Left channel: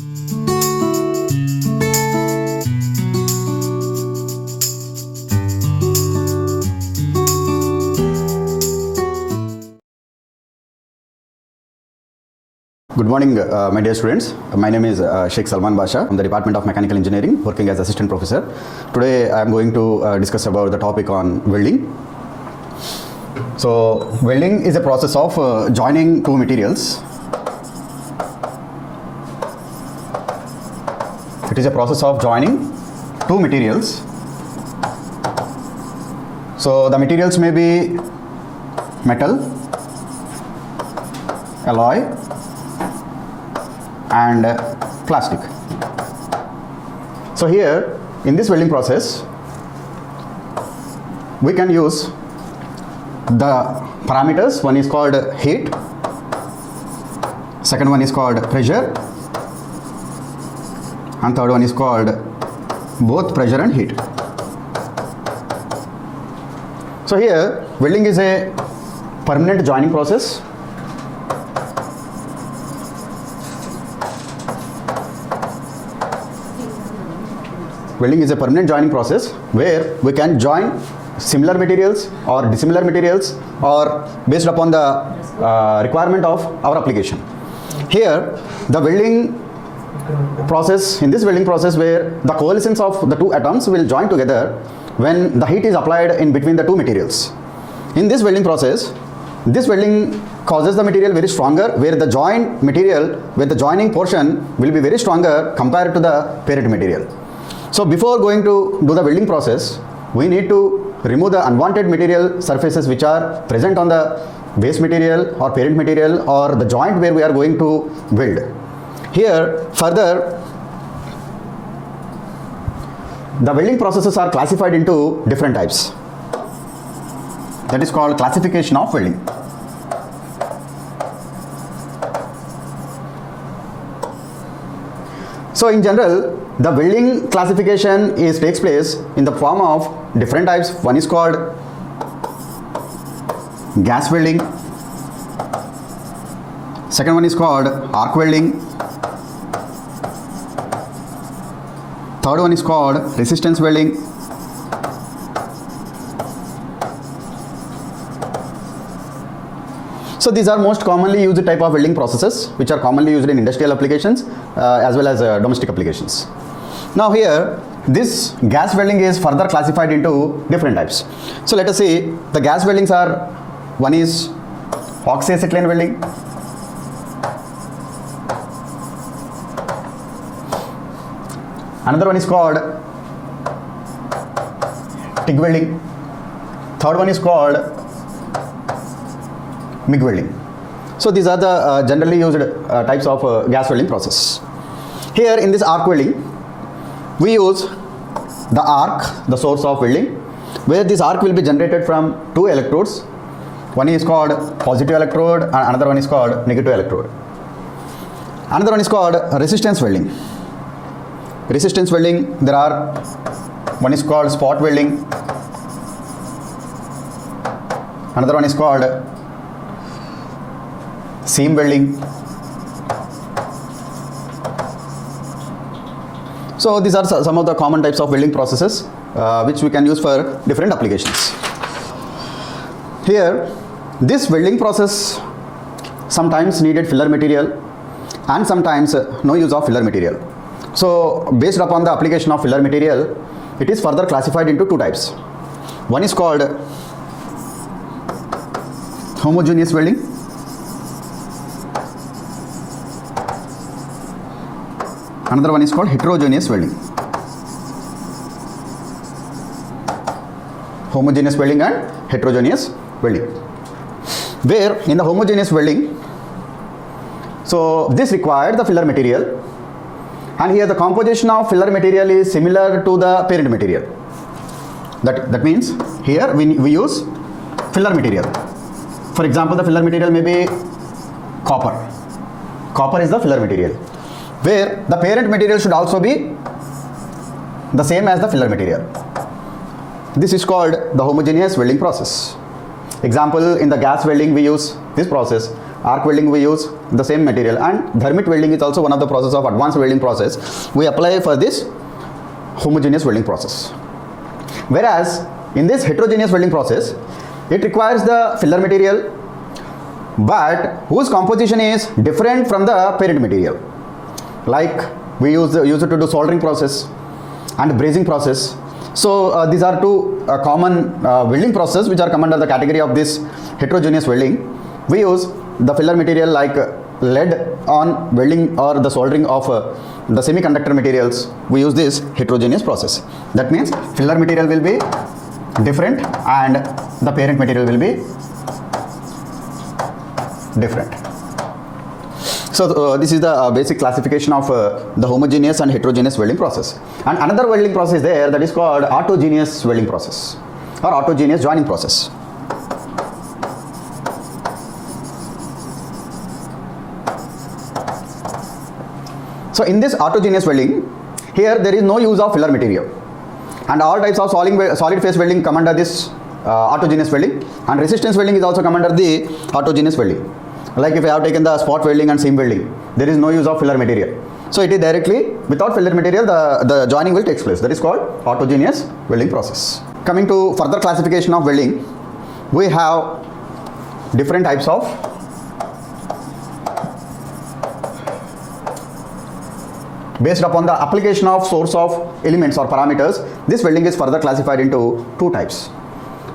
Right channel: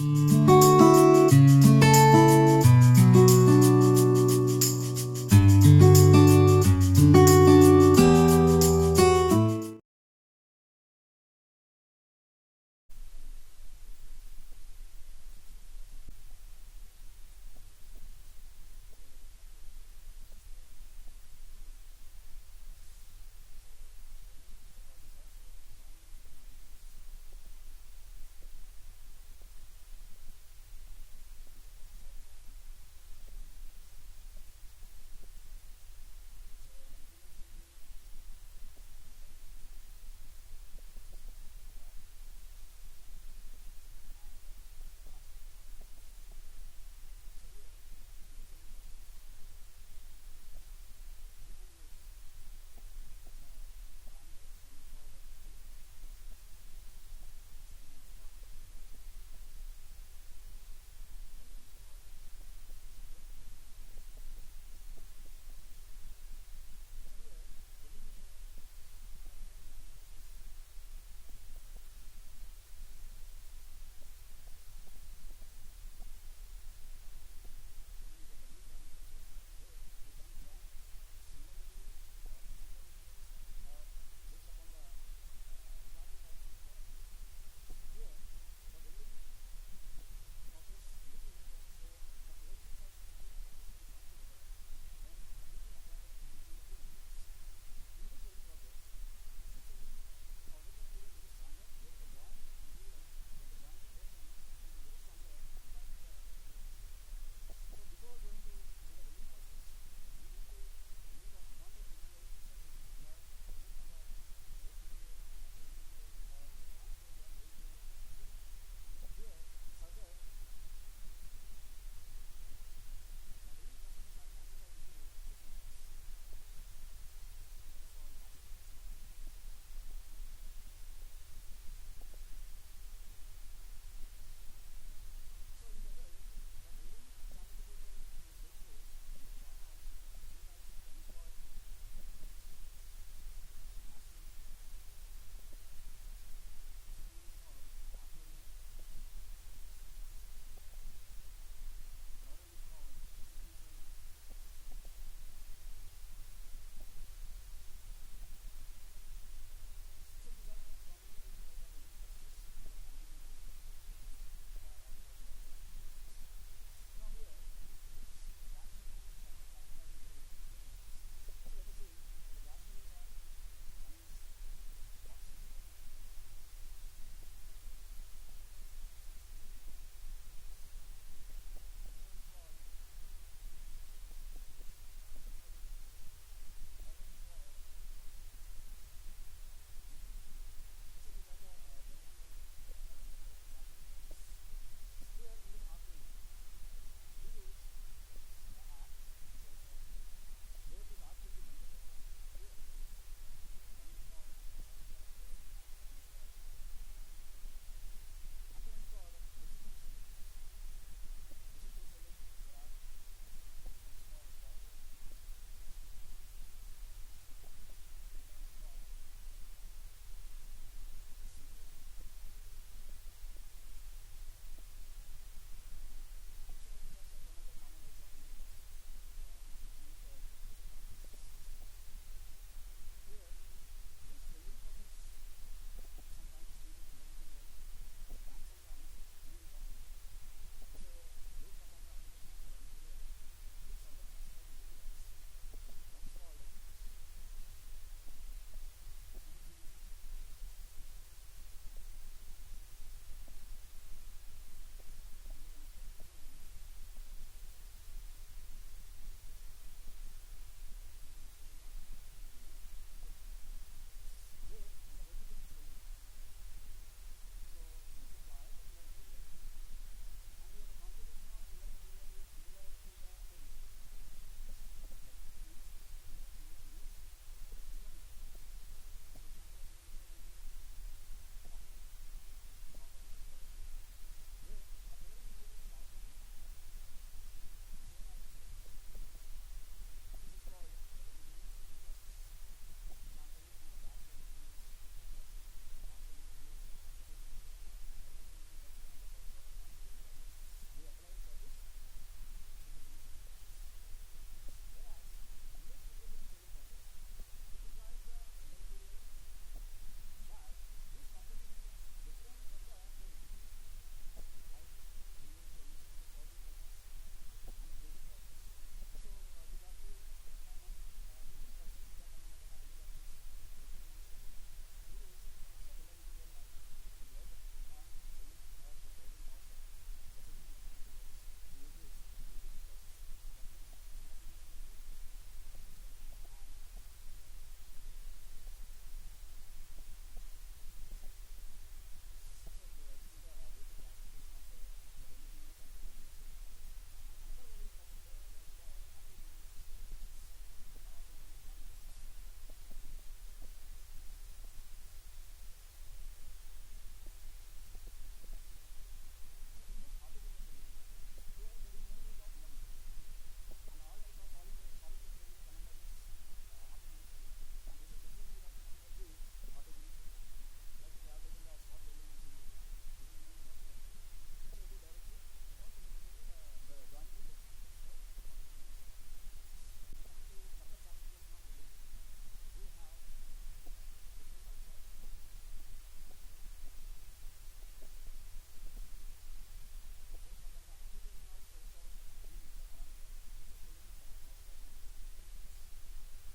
Good morning, my dear students. My name is Sheikh Salman Basha from the Department of Mechanical Engineering, working as Assistant Professor. Today I am going to discuss about the topic on welding. So, welding is a process of joining two materials. It is a process of joining two materials. So, the materials may be metal, alloy, and plastic. So here in this welding process we can use the parameters. One is called heat, second one is called pressure, and third one is called both pressure and heat. So here welding is a permanent joining process. Welding is a permanent joining process where we can join similar materials or dissimilar materials or based upon the requirement of our application. Here the welding process, in this welding process where the coalescence of the two atoms will join together when the heat is applied in between the two materials. In this welding process, this welding causes the material very stronger, where the joint material, where the joining portion will be very stronger compared to the parent material. So before going to do the welding process, we need to remove the unwanted material surfaces which are present on the base material or parent material or the joint where we are going to weld. Here further, the welding processes are classified into different types. That is called classification of welding. So in general, the welding classification takes place in the form of different types. One is called gas welding, second one is called arc welding, third one is called resistance welding, so these are most commonly used type of welding processes which are commonly used in industrial applications as well as domestic applications. Now here this gas welding is further classified into different types. So let us see, the gas weldings are, one is oxyacetylene welding, another one is called TIG welding, third one is called MIG welding. So these are the generally used types of gas welding process. Here in this arc welding, we use the arc, the source of welding, where this arc will be generated from two electrodes. One is called positive electrode and another one is called negative electrode. Another one is called resistance welding. Resistance welding, there are, one is called spot welding, another one is called seam welding. So these are some of the common types of welding processes which we can use for different applications. Here this welding process sometimes needed filler material and sometimes no use of filler material. So based upon the application of filler material, it is further classified into two types. One is called homogeneous welding, another one is called heterogeneous welding. Homogeneous welding and heterogeneous welding. Where in the homogeneous welding, so this required the filler material, and here the composition of filler material is similar to the parent material. That means here we use filler material. For example, the filler material may be copper. Copper is the filler material, where the parent material should also be the same as the filler material. This is called the homogeneous welding process. Example, in the gas welding we use this process arc welding we use the same material, and thermit welding is also one of the process of advanced welding process we apply for this homogeneous welding process. Whereas in this heterogeneous welding process, it requires the filler material but whose composition is different from the parent material. Like we use it to do soldering process and brazing process. So these are two common welding processes which are come under the category of this heterogeneous welding. We use the filler material like lead on welding or the soldering of the semiconductor materials. We use this heterogeneous process. That means filler material will be different and the parent material will be different. So this is the basic classification of the homogeneous and heterogeneous welding process. And another welding process there, that is called autogeneous welding process or autogeneous joining process. So in this autogeneous welding, here there is no use of filler material, and all types of solid phase welding come under this autogeneous welding, and resistance welding is also come under the autogeneous welding. Like if I have taken the spot welding and seam welding, there is no use of filler material. So it is directly without filler material the joining will take place. That is called autogeneous welding process. Coming to further classification of welding, we have different types of based upon the application of source of elements or parameters. This welding is further classified into two types.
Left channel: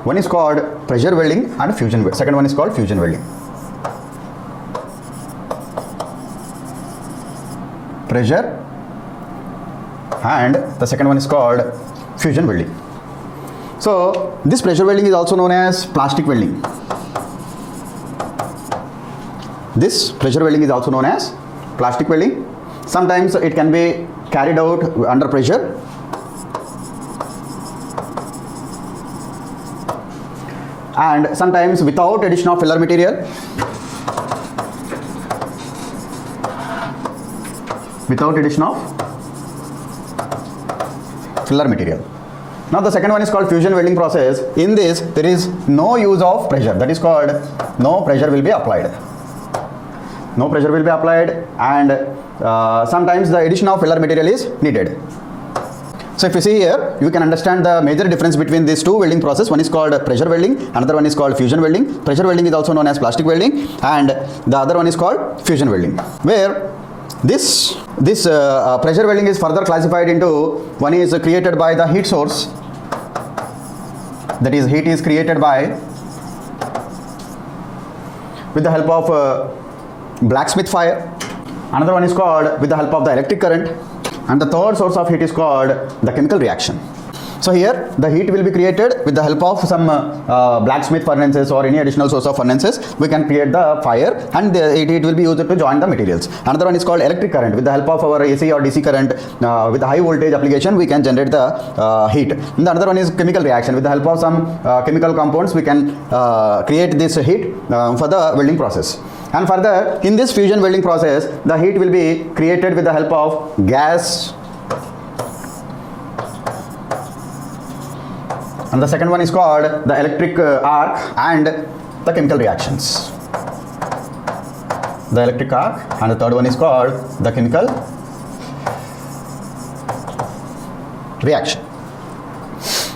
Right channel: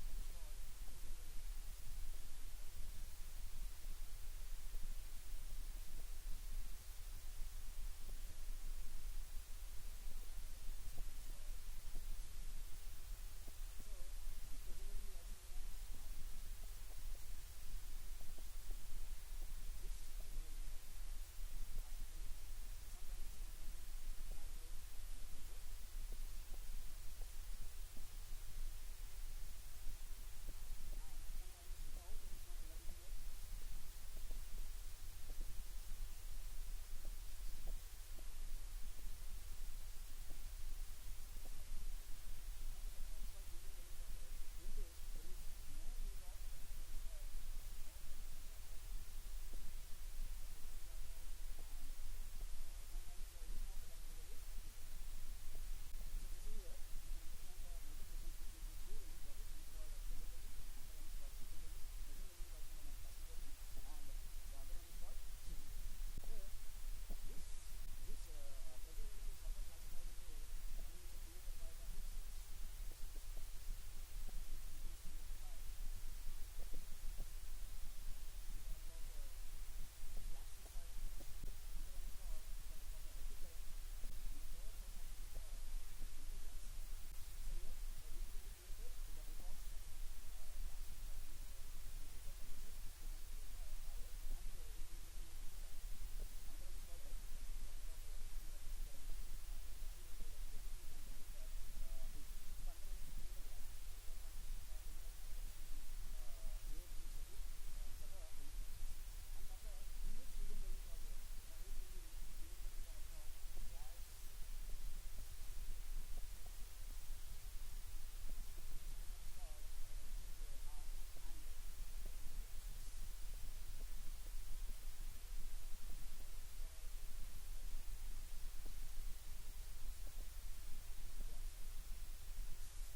One is called pressure welding and fusion welding. Second one is called fusion welding. Pressure and the second one is called fusion welding. So this pressure welding is also known as plastic welding. This pressure welding is also known as plastic welding. Sometimes it can be carried out under pressure, and sometimes without addition of filler material, without addition of filler material. Now the second one is called fusion welding process. In this there is no use of pressure, that is called no pressure will be applied. No pressure will be applied, and sometimes the addition of filler material is needed. So if you see here, you can understand the major difference between these two welding process. One is called pressure welding, another one is called fusion welding. Pressure welding is also known as plastic welding, and the other one is called fusion welding. Where this pressure welding is further classified into, one is created by the heat source, that is heat is created by with the help of blacksmith fire. Another one is called with the help of the electric current, and the third source of heat is called the chemical reaction. So here the heat will be created with the help of some blacksmith furnaces or any additional source of furnaces. We can create the fire, and it will be used to join the materials. Another one is called electric current. With the help of our AC or DC current with the high voltage application, we can generate the heat. And the another one is chemical reaction. With the help of some chemical compounds, we can create this heat for the welding process. And further, in this fusion welding process, the heat will be created with the help of gas, and the second one is called the electric arc and the chemical reactions. The electric arc, and the third one is called the chemical reaction.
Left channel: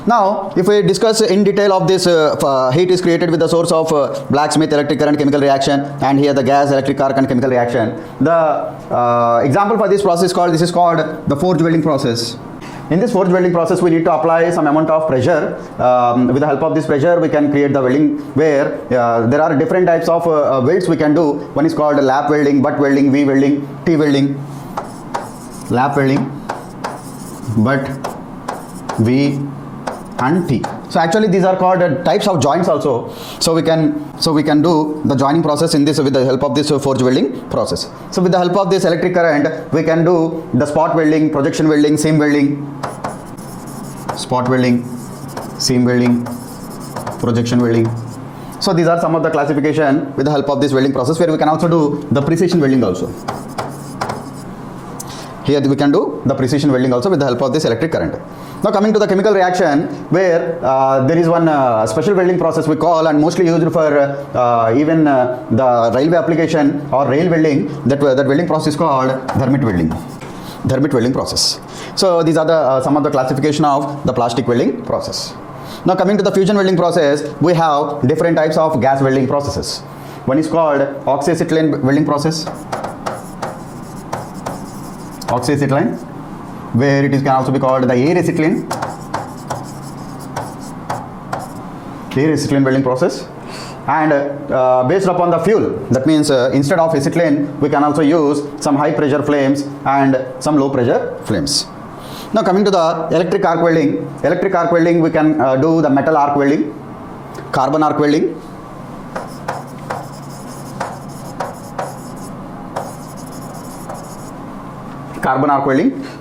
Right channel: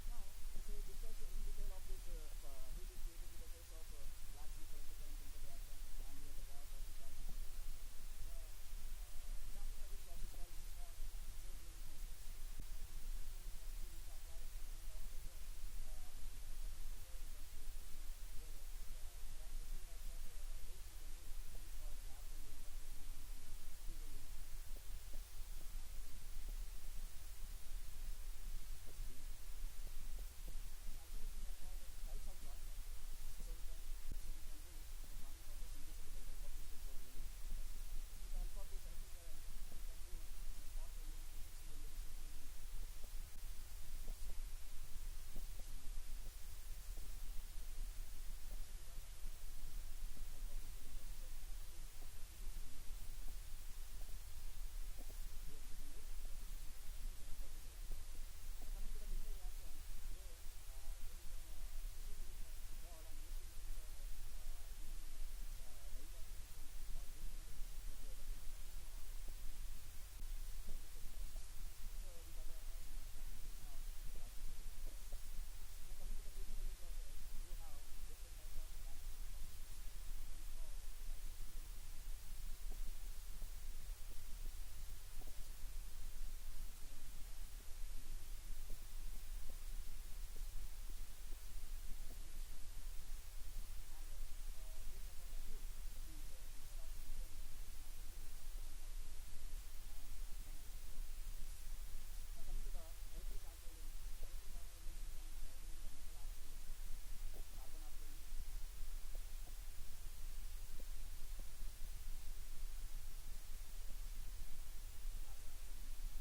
Now, if we discuss in detail of this, heat is created with the source of blacksmith, electric current, chemical reaction, and here the gas, electric arc, and chemical reaction. The example for this process is called the forge welding process. In this forge welding process, we need to apply some amount of pressure. With the help of this pressure, we can create the welding, where there are different types of welds we can do. One is called lap welding, butt welding, V welding, T welding. Lap welding, butt, V, and T. So actually these are called types of joints also. So we can do the joining process in this with the help of this forge welding process. So with the help of this electric current, we can do the spot welding, projection welding, seam welding, spot welding, seam welding, projection welding. So these are some of the classification with the help of this welding process, where we can also do the precision welding also. Here we can do the precision welding also with the help of this electric current. Now coming to the chemical reaction, where there is one special welding process we call, and mostly used for even the railway application or rail welding, that welding process is called thermit welding. Thermit welding process. So these are the some of the classification of the plastic welding process. Now coming to the fusion welding process, we have different types of gas welding processes. One is called oxyacetylene welding process. Oxyacetylene, where it is can also be called the air acetylene welding process. And based upon the fuel, that means instead of acetylene, we can also use some high pressure flames and some low pressure flames. Now coming to the electric arc welding, we can do the metal arc welding, carbon arc welding,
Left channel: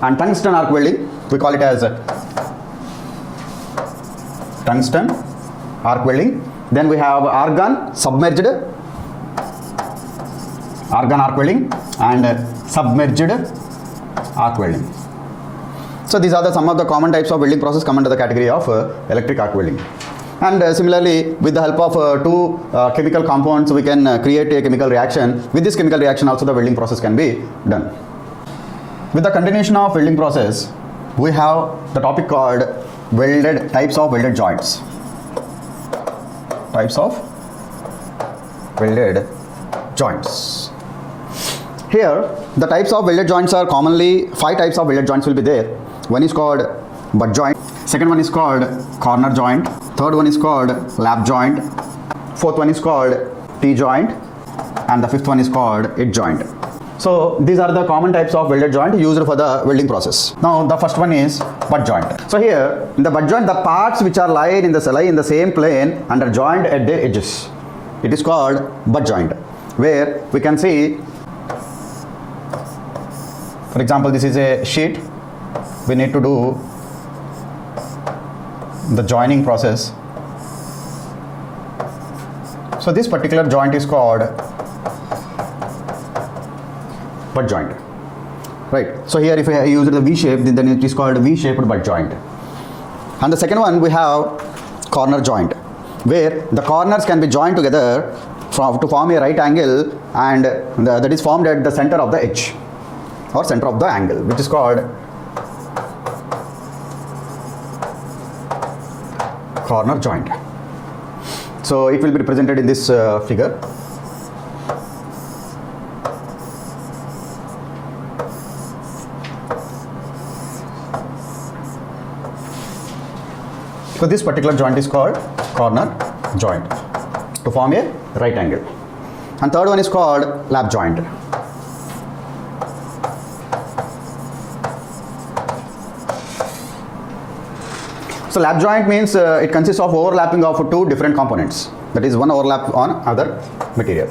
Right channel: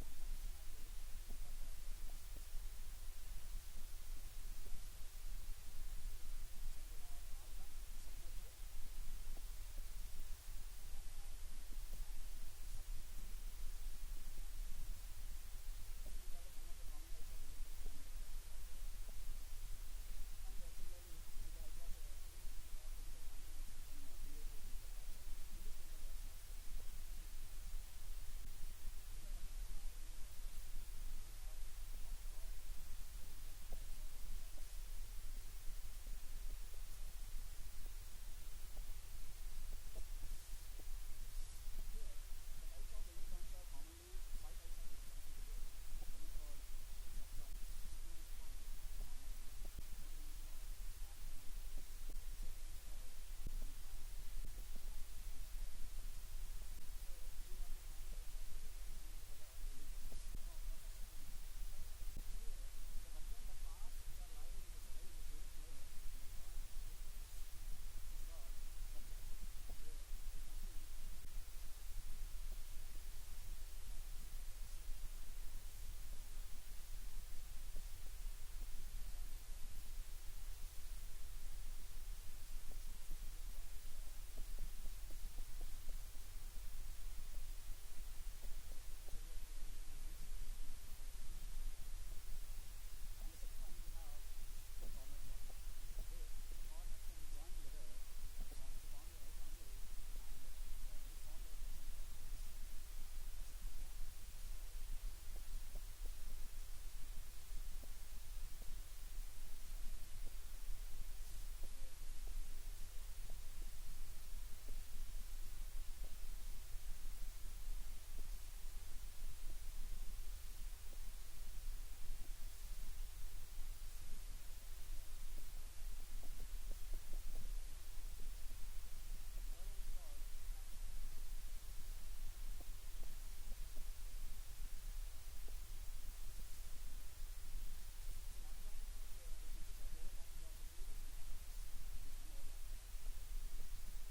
and tungsten arc welding. We call it as tungsten arc welding. Then we have argon submerged arc welding and submerged arc welding. So these are some of the common types of welding process come under the category of electric arc welding. And similarly, with the help of two chemical compounds, we can create a chemical reaction. With this chemical reaction also the welding process can be done. With the continuation of welding process, we have the topic called types of welded joints. Types of welded joints. Here, the types of welded joints are commonly 5 types of welded joints will be there. One is called butt joint. Second one is called corner joint. Third one is called lap joint. Fourth one is called T-joint. And the fifth one is called edge joint. So these are the common types of welded joint used for the welding process. Now the first one is butt joint. So here in the butt joint, the parts which are lie in the same plane and are joined at their edges. It is called butt joint, where we can see, for example, this is a sheet. We need to do the joining process. So this particular joint is called butt joint, right? So here if I use the V shape, then it is called V-shaped butt joint. And the second one we have corner joint, where the corners can be joined together to form a right angle, and that is formed at the center of the edge or center of the angle, which is called corner joint. So it will be represented in this figure. So this particular joint is called corner joint to form a right angle. And third one is called lap joint. So lap joint means it consists of overlapping of two different components. That is, one overlap on other material.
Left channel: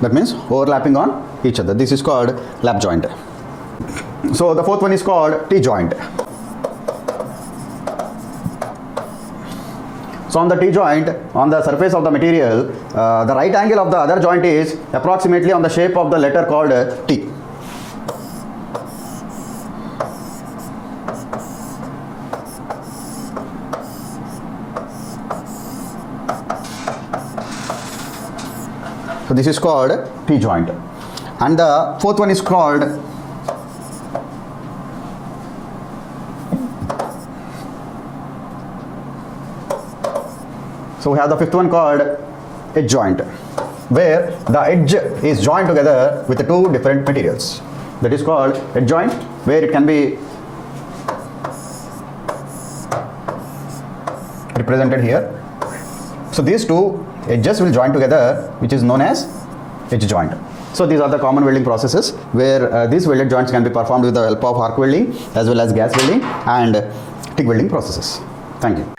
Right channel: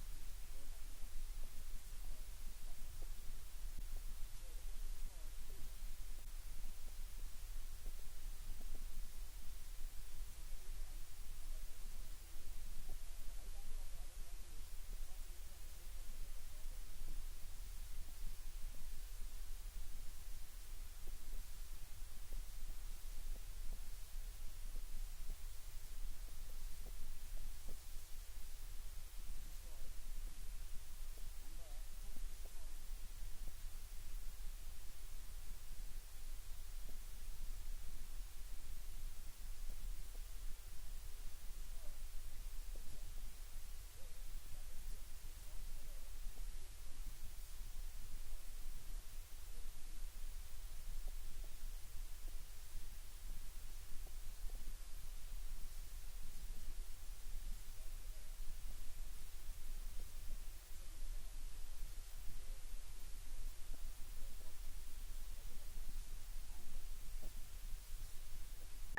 That means overlapping on each other. This is called lap joint. So the fourth one is called T-joint. So on the T-joint, on the surface of the material, the right angle of the other joint is approximately on the shape of the letter called T. So this is called T-joint. And the fourth one is called So we have the fifth one called edge joint, where the edge is joined together with the two different materials. That is called edge joint, where it can be represented here. So these two edges will join together, which is known as edge joint. So these are the common welding processes where these welded joints can be performed with the help of arc welding as well as gas welding and TIG welding processes. Thank you.